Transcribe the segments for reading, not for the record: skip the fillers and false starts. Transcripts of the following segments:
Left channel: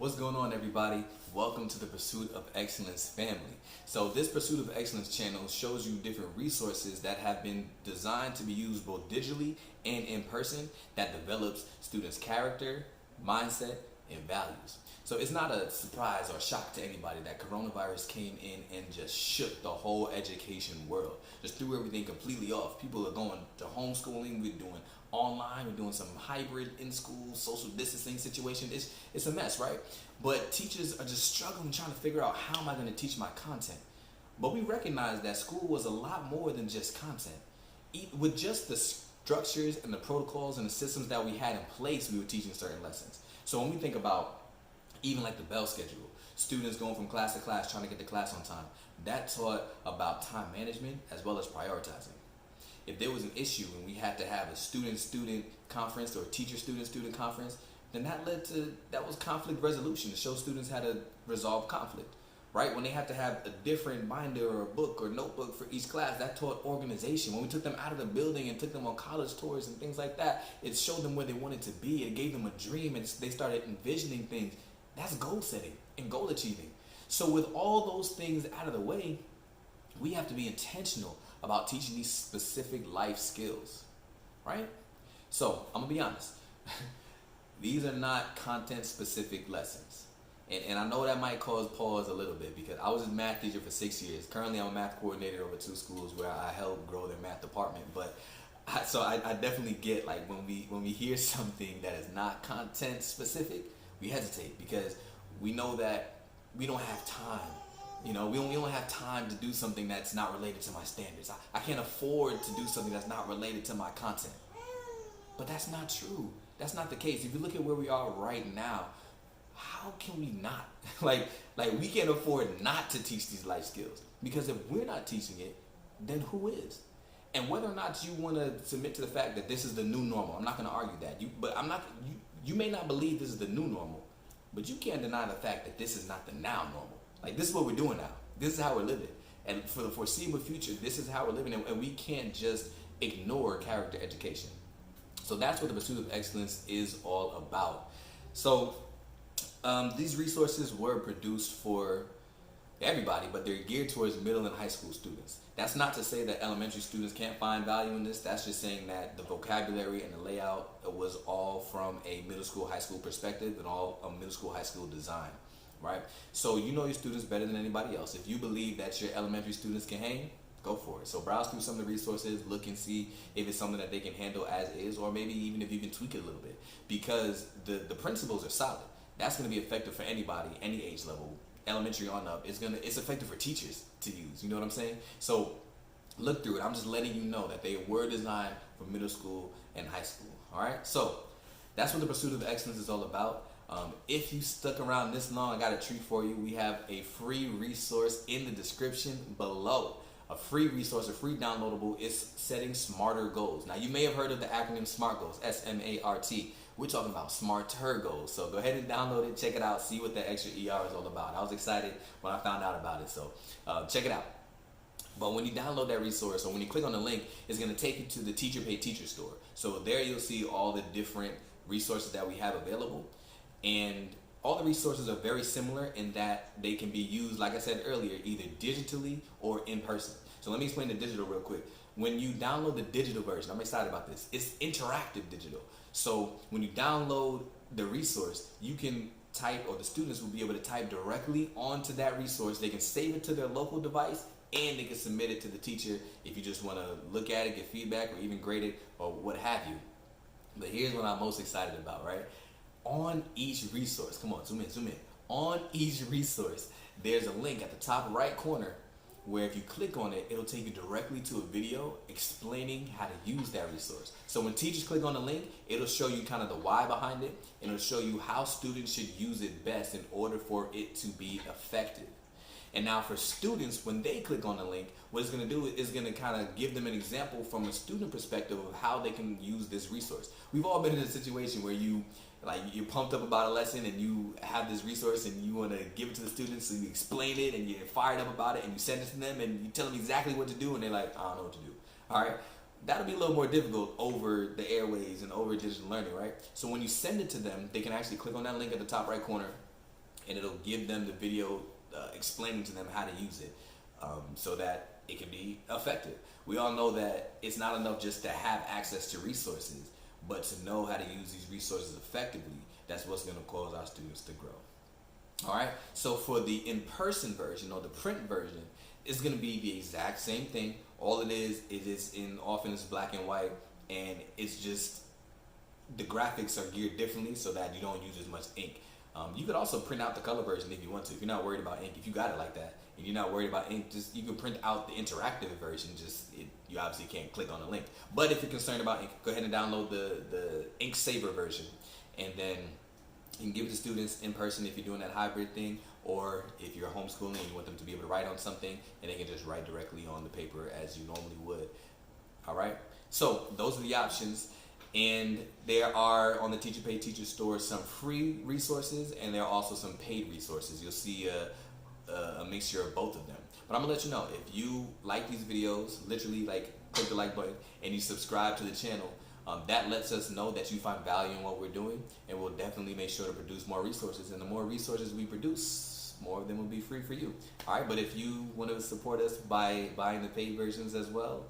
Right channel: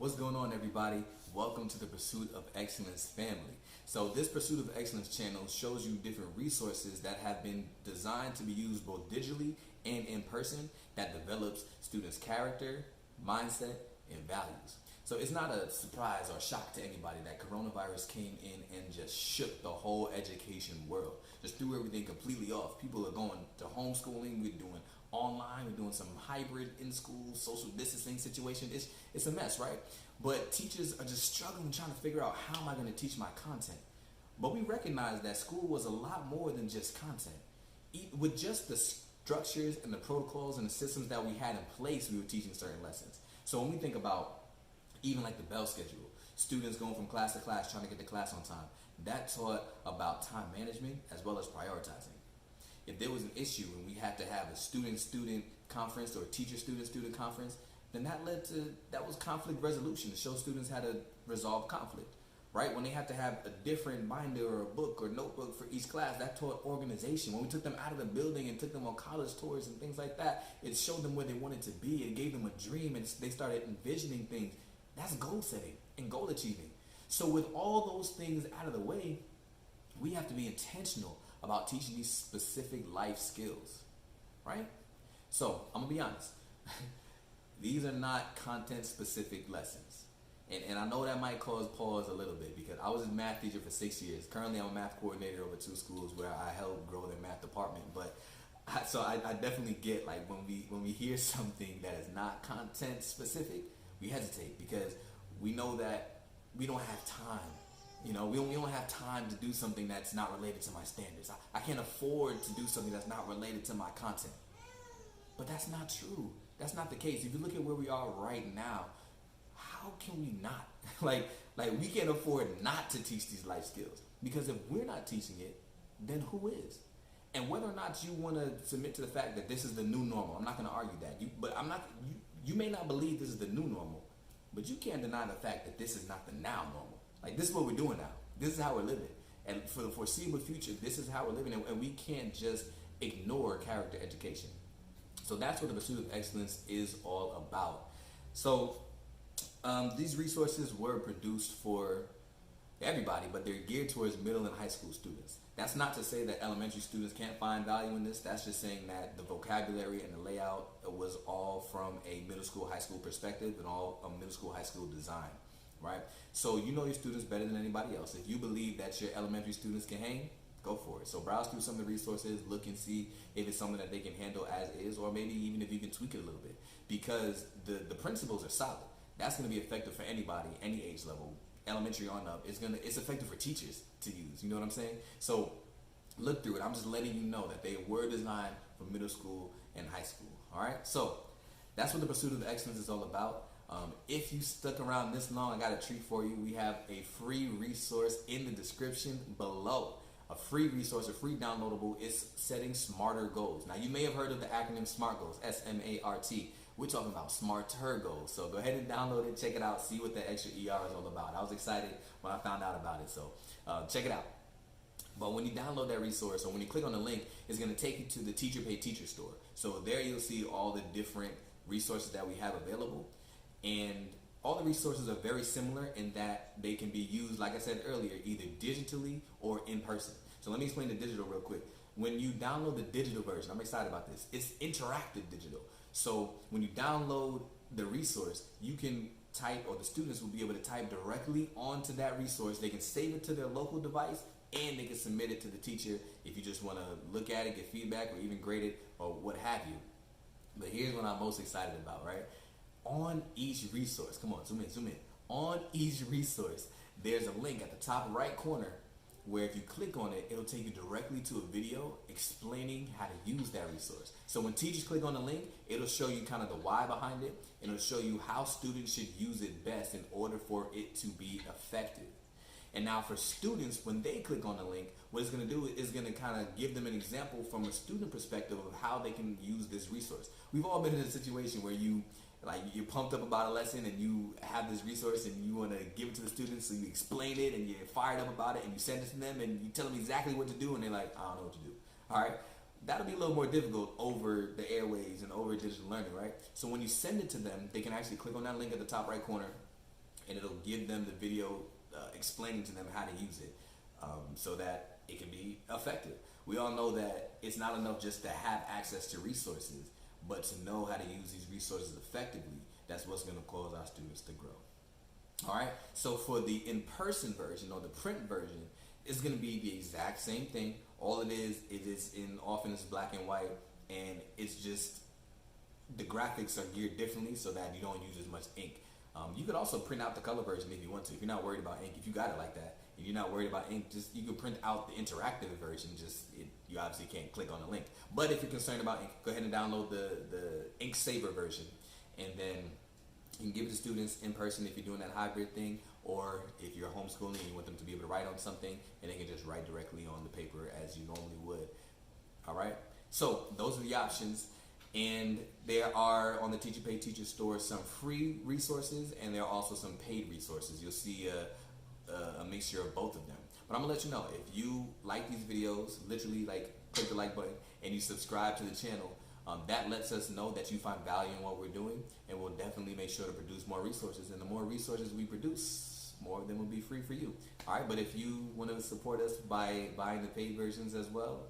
What's going on, everybody? Welcome to the Pursuit of Excellence family. So this Pursuit of Excellence channel shows you different resources that have been designed to be used both digitally and in person that develops students' character, mindset, and values. So it's not a surprise or shock to anybody that coronavirus came in and just shook the whole education world. Just threw everything completely off. People are going to homeschooling, we're doing online, we're doing some hybrid in-school social distancing situation. It's a mess, right? But teachers are just struggling trying to figure out, how am I going to teach my content? But we recognize that school was a lot more than just content. With just the structures and the protocols and the systems that we had in place, we were teaching certain lessons. So when we think about even like the bell schedule, students going from class to class trying to get to class on time, that taught about time management as well as prioritizing. If there was an issue and we had to have a student-student conference or teacher-student-student conference, then that was conflict resolution, to show students how to resolve conflict, right? When they had to have a different binder or a book or notebook for each class, that taught organization. When we took them out of the building and took them on college tours and things like that, it showed them where they wanted to be. It gave them a dream and they started envisioning things. That's goal setting and goal achieving. So with all those things out of the way, we have to be intentional about teaching these specific life skills, right? So I'm gonna be honest. These are not content specific lessons. And I know that might cause pause a little bit, because I was a math teacher for 6 years. Currently I'm a math coordinator over 2 schools where I help grow their math department. But I definitely get, like, when we hear something that is not content specific, we hesitate, because we know that we don't have time. We don't have time to do something that's not related to my standards. I can't afford to do something that's not related to my content. But that's not true. That's not the case. If you look at where we are right now, how can we not? like we can't afford not to teach these life skills, because if we're not teaching it, then who is? And whether or not you want to submit to the fact that this is the new normal, I'm not going to argue that. You may not believe this is the new normal, but you can't deny the fact that this is not the now normal. Like, this is what we're doing now. This is how we're living. And for the foreseeable future, this is how we're living. And we can't just ignore character education. So that's what the Pursuit of Excellence is all about. So these resources were produced for everybody, but they're geared towards middle and high school students. That's not to say that elementary students can't find value in this. That's just saying that the vocabulary and the layout was all from a middle school, high school perspective, and all a middle school, high school design. Right? So you know your students better than anybody else. If you believe that your elementary students can hang, go for it. So browse through some of the resources, look and see if it's something that they can handle as is, or maybe even if you can tweak it a little bit, because the principles are solid. That's going to be effective for anybody, any age level, elementary on up. It's effective for teachers to use. You know what I'm saying? So look through it. I'm just letting you know that they were designed for middle school and high school. All right. So that's what the Pursuit of Excellence is all about. If you stuck around this long, I got a treat for you. We have a free resource in the description below. A free resource, a free downloadable. It's Setting Smarter Goals. Now, you may have heard of the acronym SMART Goals, S-M-A-R-T. We're talking about smarter goals. So go ahead and download it, check it out, see what the extra ER is all about. I was excited when I found out about it, so check it out. But when you download that resource, or when you click on the link, it's going to take you to the Teacher Pay Teacher store. So there you'll see all the different resources that we have available. And all the resources are very similar in that they can be used, like I said earlier, either digitally or in person. So let me explain the digital real quick. When you download the digital version, I'm excited about this. It's interactive digital. So when you download the resource, you can type, or the students will be able to type directly onto that resource. They can save it to their local device, and they can submit it to the teacher if you just want to look at it, get feedback, or even grade it, or what have you. But here's what I'm most excited about, right? On each resource, come on, zoom in. On each resource, there's a link at the top right corner where if you click on it, it'll take you directly to a video explaining how to use that resource. So when teachers click on the link, it'll show you kind of the why behind it, and it'll show you how students should use it best in order for it to be effective. And now for students, when they click on the link, what it's going to do is going to kind of give them an example from a student perspective of how they can use this resource. We've all been in a situation where you're pumped up about a lesson and you have this resource and you want to give it to the students, so you explain it and you're fired up about it and you send it to them and you tell them exactly what to do, and they're like, I don't know what to do. All right. That'll be a little more difficult over the airways and over digital learning, right? So when you send it to them, they can actually click on that link at the top right corner, and it'll give them the video explaining to them how to use it, so that it can be effective. We all know that it's not enough just to have access to resources, but to know how to use these resources effectively. That's what's going to cause our students to grow. All right, so for the in-person version or the print version, it's going to be the exact same thing. All it is often it's black and white, and it's just the graphics are geared differently so that you don't use as much ink. You could also print out the color version if you want to. If you're not worried about ink, if you got it like that, and you're not worried about ink, just you can print out the interactive version. You obviously can't click on the link. But if you're concerned about ink, go ahead and download the ink saver version, and then you can give it to students in person if you're doing that hybrid thing, or if you're homeschooling and you want them to be able to write on something, and they can just write directly on the paper as you normally would. All right, so those are the options, and there are on the Teacher Pay Teacher store some free resources, and there are also some paid resources. You'll see a mixture of both of them. But I'm gonna let you know, if you like these videos, literally like click the like button and you subscribe to the channel, that lets us know that you find value in what we're doing, and we'll definitely make sure to produce more resources. And the more resources we produce, more of them will be free for you. All right, but if you want to support us by buying the paid versions as well,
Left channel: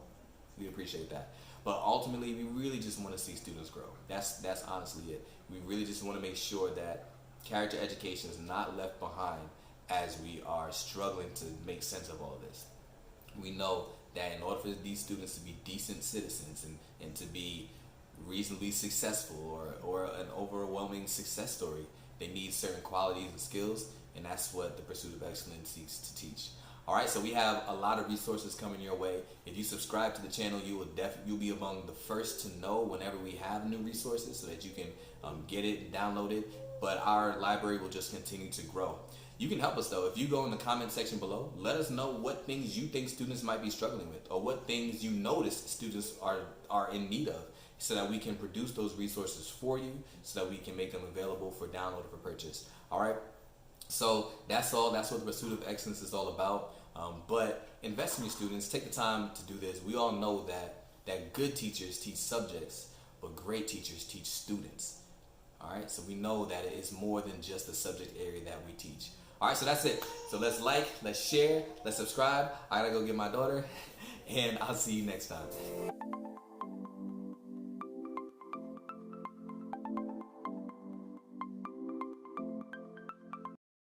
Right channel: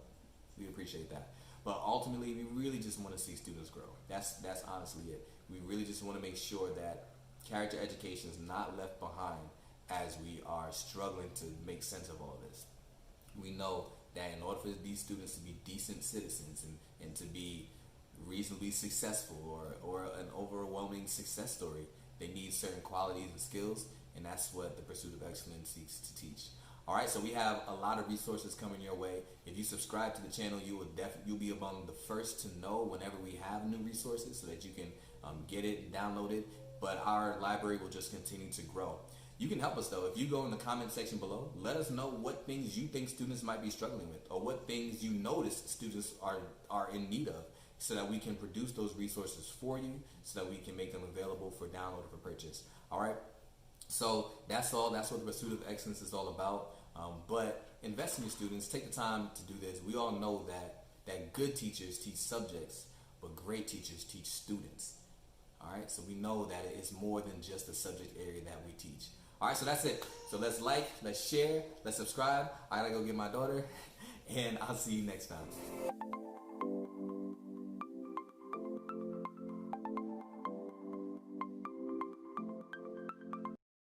we appreciate that. But ultimately, we really just want to see students grow. That's honestly it. We really just want to make sure that character education is not left behind as we are struggling to make sense of all of this. We know that in order for these students to be decent citizens and to be reasonably successful or an overwhelming success story, they need certain qualities and skills, and that's what the Pursuit of Excellence seeks to teach. All right, so we have a lot of resources coming your way. If you subscribe to the channel, you'll be among the first to know whenever we have new resources, so that you can get it, download it. But our library will just continue to grow. You can help us though. If you go in the comment section below, let us know what things you think students might be struggling with, or what things you notice students are in need of, so that we can produce those resources for you, so that we can make them available for download or for purchase. All right. So that's all. That's what the Pursuit of Excellence is all about. But invest in your students. Take the time to do this. We all know that good teachers teach subjects, but great teachers teach students. All right. So we know that it's more than just the subject area that we teach. All right. So that's it. So let's like, let's share, let's subscribe. I gotta go get my daughter, and I'll see you next time.